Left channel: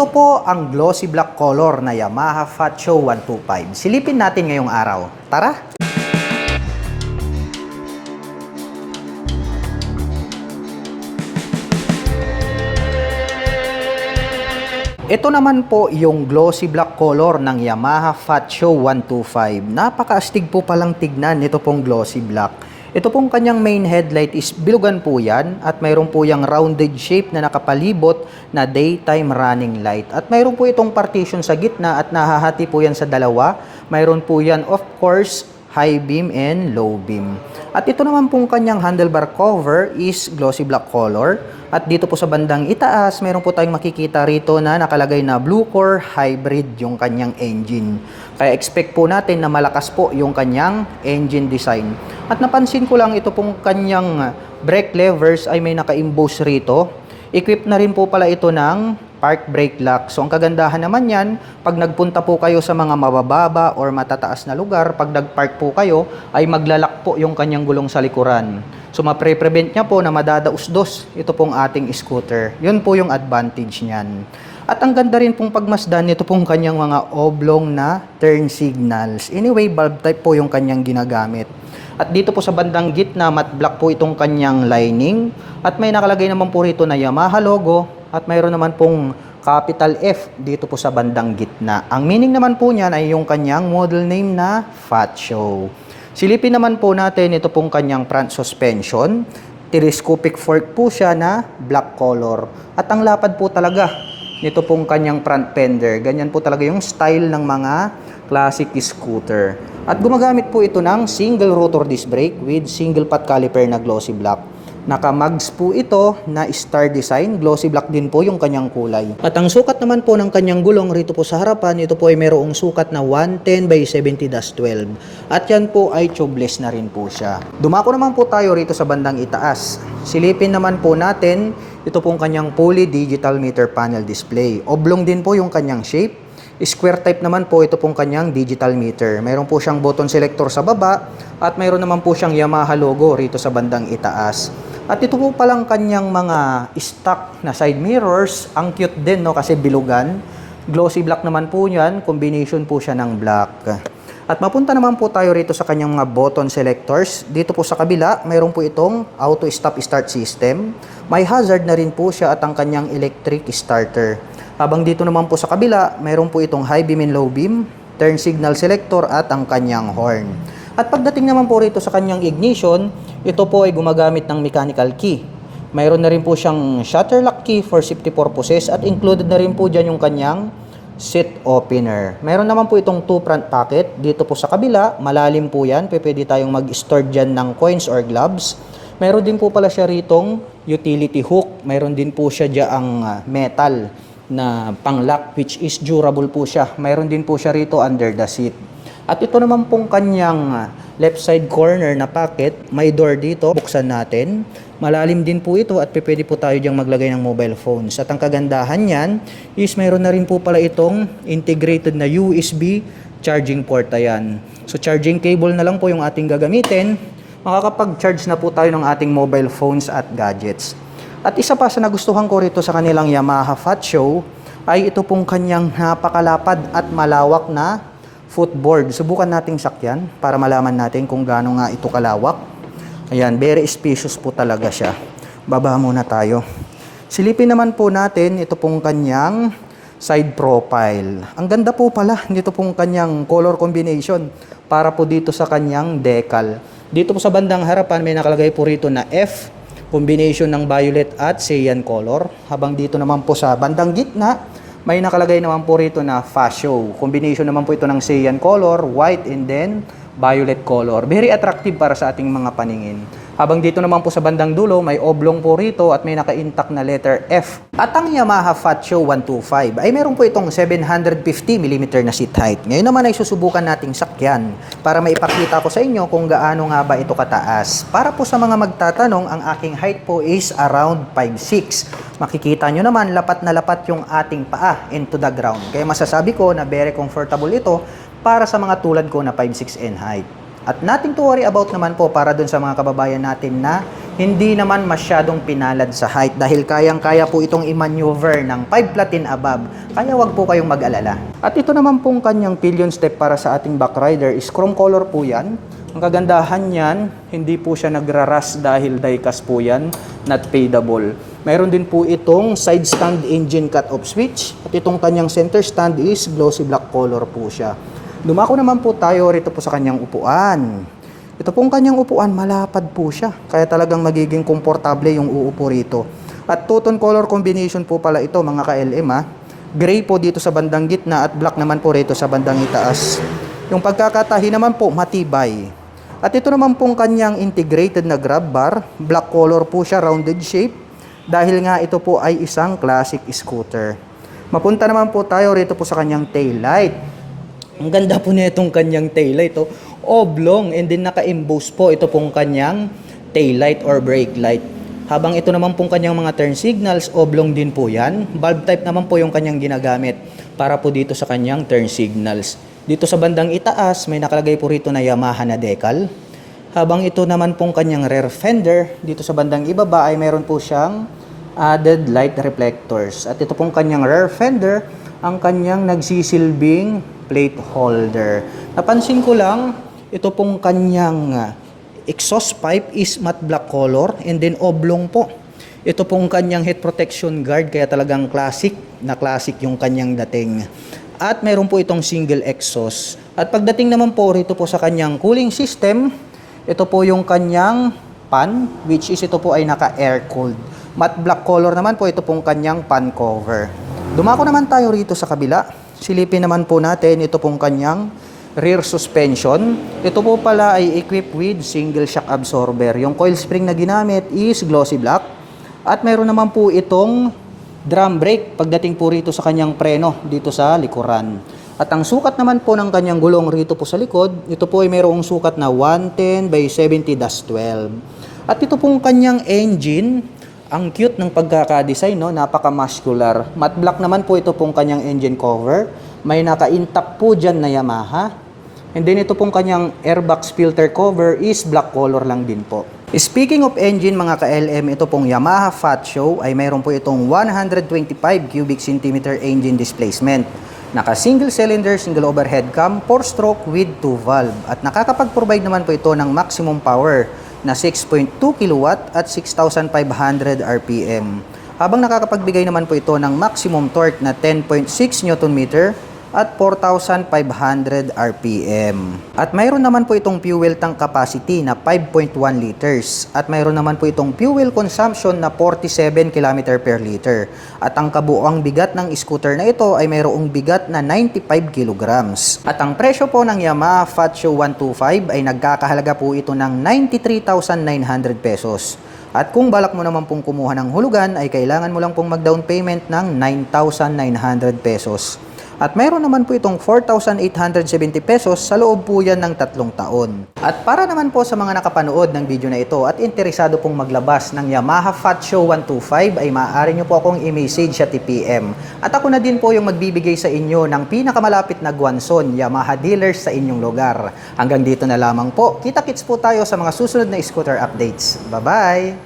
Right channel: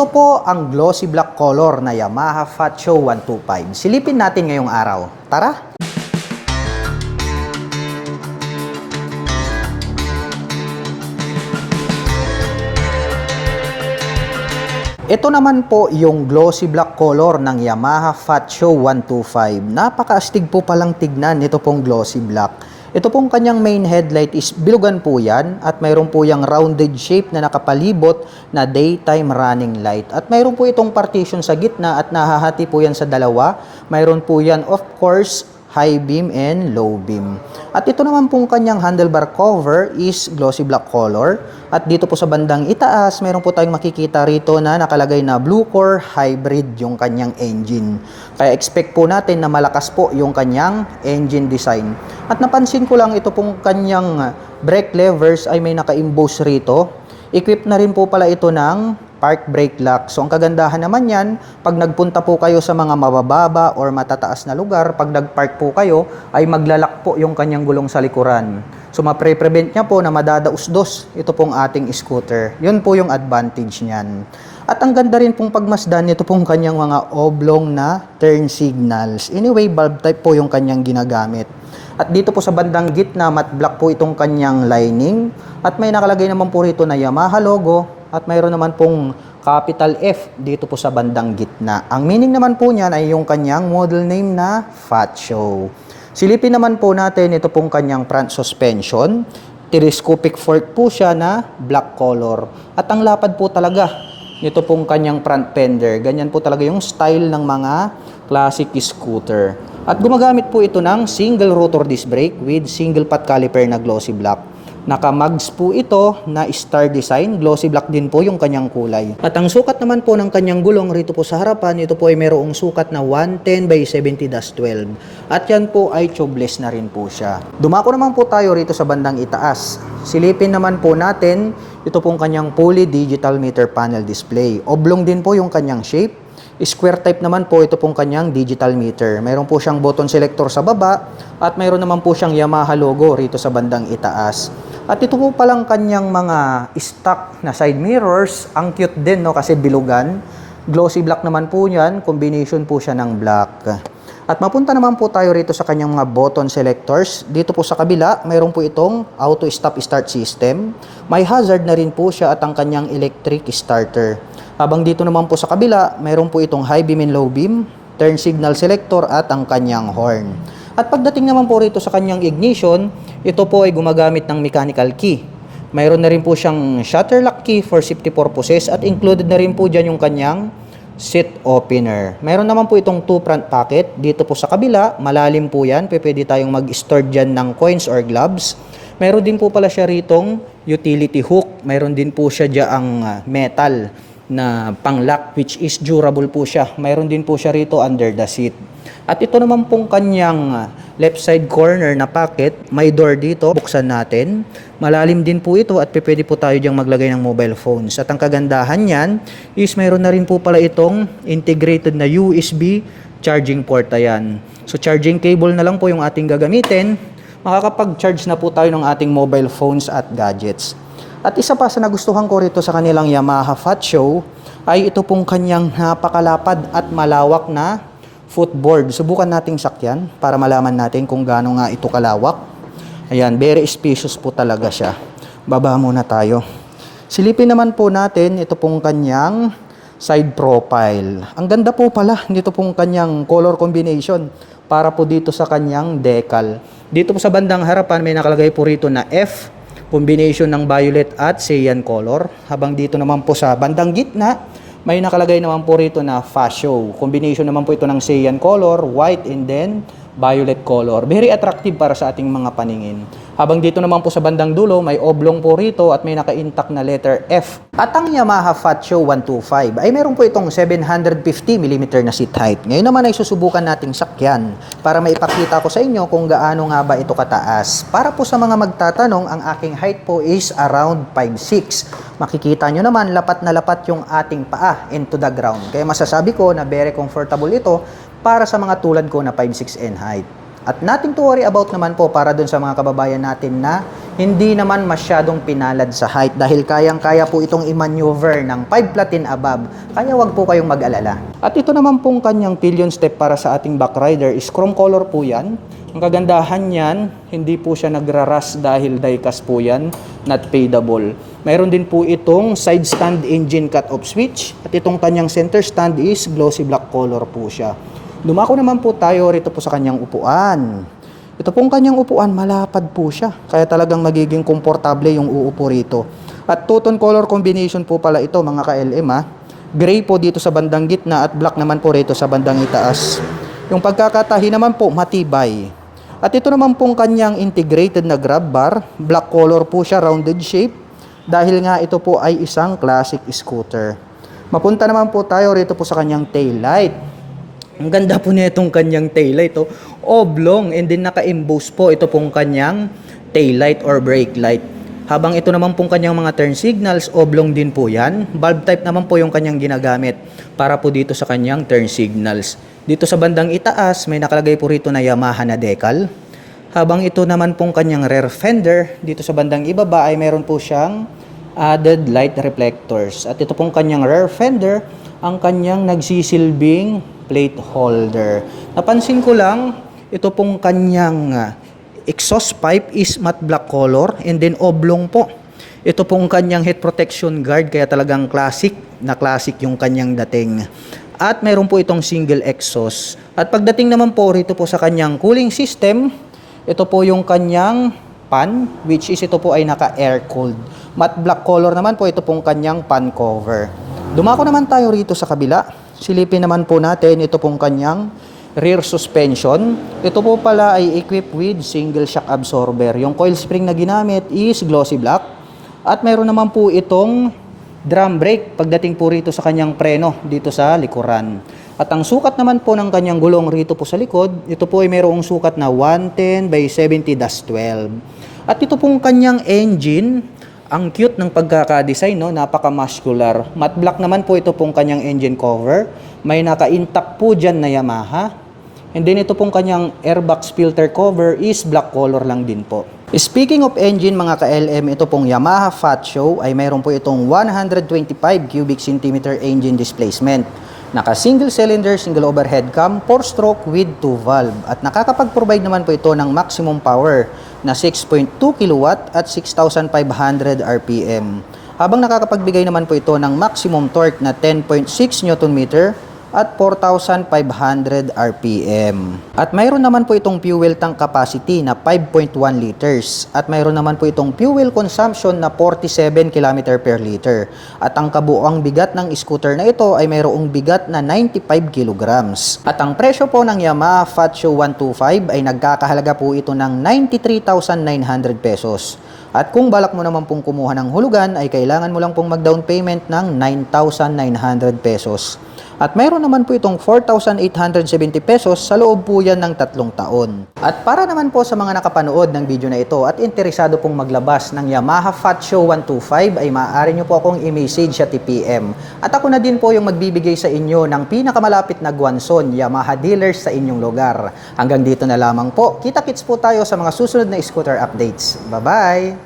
Ito po ang glossy black color na Yamaha Fat Show 125. Silipin natin ngayong araw. Tara! Ito naman po yung glossy black color ng Yamaha Fat Show 125. Napakaastig po palang tignan nito pong glossy black. Ito pong kanyang main headlight is bilugan po yan at mayroon po yung rounded shape na nakapalibot na daytime running light. At mayroon po itong partition sa gitna at nahahati po yan sa dalawa. Mayroon po yan of course high beam and low beam. At ito naman pong kanyang handlebar cover is glossy black color. At dito po sa bandang itaas, mayroon po tayong makikita rito na nakalagay na Blue Core Hybrid yung kanyang engine. Kaya expect po natin na malakas po yung kanyang engine design. At napansin ko lang ito pong kanyang brake levers ay may naka-emboss rito. Equipped na rin po pala ito ng park brake lock. So ang kagandahan naman yan, pag nagpunta po kayo sa mga mabababa or matataas na lugar, pag nagpark po kayo, ay maglalak po yung kanyang gulong sa likuran. So mapre-prevent niya po na madadausdos ito pong ating scooter. Yun po yung advantage niyan. At ang ganda rin pong pagmasdan nito pong kanyang mga oblong na turn signals. Anyway, bulb type po yung kanyang ginagamit. At dito po sa bandang gitna, matte black po itong kanyang lining. At may nakalagay naman po rito na Yamaha logo. At mayroon naman pong capital F dito po sa bandang gitna. Ang meaning naman po niyan ay yung kanyang model name na Fat Show. Silipin naman po natin ito pong kanyang front suspension. Telescopic fork po siya na black color. At ang lapad po talaga nito pong kanyang front fender. Ganyan po talaga yung style ng mga classic scooter. At gumagamit po ito ng single rotor disc brake with single pot caliper na glossy black. Naka-mags po ito na star design. Glossy black din po yung kanyang kulay. At ang sukat naman po ng kanyang gulong rito po sa harapan, ito po ay mayroong sukat na 110 by 70-12. At yan po ay tubeless na rin po siya. Dumako naman po tayo rito sa bandang itaas. Silipin naman po natin ito pong kanyang fully digital meter panel display. Oblong din po yung kanyang shape. Square type naman po ito pong kanyang digital meter. Mayroon po siyang button selector sa baba at mayroon naman po siyang Yamaha logo rito sa bandang itaas. At ito po palang kanyang mga stock na side mirrors. Ang cute din, no, kasi bilugan. Glossy black naman po yan. Combination po siya ng black. At mapunta naman po tayo rito sa kanyang mga button selectors. Dito po sa kabila, mayroon po itong auto stop start system. May hazard na rin po siya at ang kanyang electric starter. Habang dito naman po sa kabila, mayroon po itong high beam and low beam, turn signal selector at ang kanyang horn. At pagdating naman po rito sa kanyang ignition, ito po ay gumagamit ng mechanical key. Mayroon na rin po siyang shutter lock key for safety purposes at included na rin po dyan yung kanyang seat opener. Mayroon naman po itong 2 front pocket. Dito po sa kabila, malalim po yan. Pwede tayong mag-store dyan ng coins or gloves. Mayroon din po pala siya ritong utility hook. Mayroon din po siya dyang metal na pang-lock which is durable po siya. Mayroon din po siya rito under the seat. At ito naman pong kanyang left side corner na pocket, may door dito, buksan natin. Malalim din po ito at pwede po tayo diyang maglagay ng mobile phones. At ang kagandahan niyan is mayroon na rin po pala itong integrated na USB charging port. Ayan. So charging cable na lang po yung ating gagamitin. Makakapag-charge na po tayo ng ating mobile phones at gadgets. At isa pa sa nagustuhan ko rito sa kanilang Yamaha Fat Show ay ito pong kanyang napakalapad at malawak na footboard. Subukan nating sakyan para malaman natin kung gaano nga ito kalawak. Ayan, very spacious po talaga siya. Baba muna tayo. Silipin naman po natin ito pong kanyang side profile. Ang ganda po pala nito pong kanyang color combination para po dito sa kanyang decal. Dito po sa bandang harapan may nakalagay po rito na F, combination ng violet at cyan color. Habang dito naman po sa bandang gitna, may nakalagay naman po rito na Fat Show. Combination naman po ito ng cyan color, white and then violet color. Very attractive para sa ating mga paningin. Habang dito naman po sa bandang dulo, may oblong po rito at may naka-intact na letter F. At ang Yamaha Fat Show 125 ay meron po itong 750mm na seat height. Ngayon naman ay susubukan nating sakyan para maipakita ko sa inyo kung gaano nga ba ito kataas. Para po sa mga magtatanong, ang aking height po is around 5'6". Makikita nyo naman, lapat na lapat yung ating paa into the ground. Kaya masasabi ko na very comfortable ito para sa mga tulad ko na 5'6" in height. At nothing to worry about naman po para dun sa mga kababayan natin na hindi naman masyadong pinalad sa height dahil kayang-kaya po itong i-maneuver ng 5 flat and above. Kaya wag po kayong mag-alala. At ito naman pong kanyang pillion step para sa ating back rider is chrome color po yan. Ang kagandahan niyan, hindi po siya nagraras dahil die-cast po yan, not fadable. Mayroon din po itong side stand engine cut-off switch at itong kanyang center stand is glossy black color po siya. Dumako naman po tayo rito po sa kanyang upuan. Ito pong kanyang upuan, malapad po siya. Kaya talagang magiging komportable yung uupo rito. At two-tone color combination po pala ito mga ka-LM ha. Gray po dito sa bandang gitna at black naman po rito sa bandang itaas. Yung pagkakatahi naman po matibay. At ito naman pong kanyang integrated na grab bar. Black color po siya, rounded shape. Dahil nga ito po ay isang classic scooter. Mapunta naman po tayo rito po sa kanyang tail light. Ang ganda po niya itong kanyang taillight. Oblong and then naka-emboss po ito pong kanyang taillight or brake light. Habang ito naman pong kanyang mga turn signals, oblong din po yan. Bulb type naman po yung kanyang ginagamit para po dito sa kanyang turn signals. Dito sa bandang itaas, may nakalagay po rito na Yamaha na decal. Habang ito naman pong kanyang rear fender, dito sa bandang ibaba ay meron po siyang added light reflectors. At ito pong kanyang rear fender, ang kanyang nagsisilbing plate holder. Napansin ko lang, ito pong kanyang exhaust pipe is matte black color and then oblong po. Ito pong kanyang head protection guard kaya talagang classic na classic yung kanyang dating. At mayroon po itong single exhaust. At pagdating naman po rito po sa kanyang cooling system, ito po yung kanyang pan which is ito po ay naka-air cooled. Matte black color naman po ito pong kanyang pan cover. Dumako naman tayo rito sa kabila. Silipin naman po natin ito pong kanyang rear suspension. Ito po pala ay equipped with single shock absorber. Yung coil spring na ginamit is glossy black. At mayroon naman po itong drum brake pagdating po rito sa kanyang preno dito sa likuran. At ang sukat naman po ng kanyang gulong rito po sa likod, ito po ay mayroong sukat na 110 by 70-12. At ito pong kanyang engine, ang cute ng pagkaka-design, no? Napaka-muscular. Matte black naman po ito pong kanyang engine cover. May naka-intact po dyan na Yamaha. And then ito pong kanyang airbox filter cover is black color lang din po. Speaking of engine mga ka-LM, ito pong Yamaha Fat Show ay mayroon po itong 125 cubic centimeter engine displacement. Naka single cylinder, single overhead cam, 4-stroke with 2 valve. At nakakapag-provide naman po ito ng maximum power na 6.2 kW at 6,500 RPM. Habang nakakapagbigay naman po ito ng maximum torque na 10.6 Nm at 4,500 RPM. At mayroon naman po itong fuel tank capacity na 5.1 liters. At mayroon naman po itong fuel consumption na 47 km per liter. At ang kabuuang bigat ng scooter na ito ay mayroong bigat na 95 kilograms. At ang presyo po ng Yamaha Fat Show 125 ay nagkakahalaga po ito ng 93,900 pesos. At kung balak mo naman pong kumuha ng hulugan ay kailangan mo lang pong mag-down payment ng 9,900 pesos. At mayroon naman po itong 4,870 pesos sa loob po yan ng 3 taon. At para naman po sa mga nakapanood ng video na ito at interesado pong maglabas ng Yamaha Fat Show 125 ay maaari nyo po akong i-message at i-PM. At ako na din po yung magbibigay sa inyo ng pinakamalapit na Guanzon Yamaha dealers sa inyong lugar. Hanggang dito na lamang po. Kita-kits po tayo sa mga susunod na scooter updates. Bye-bye!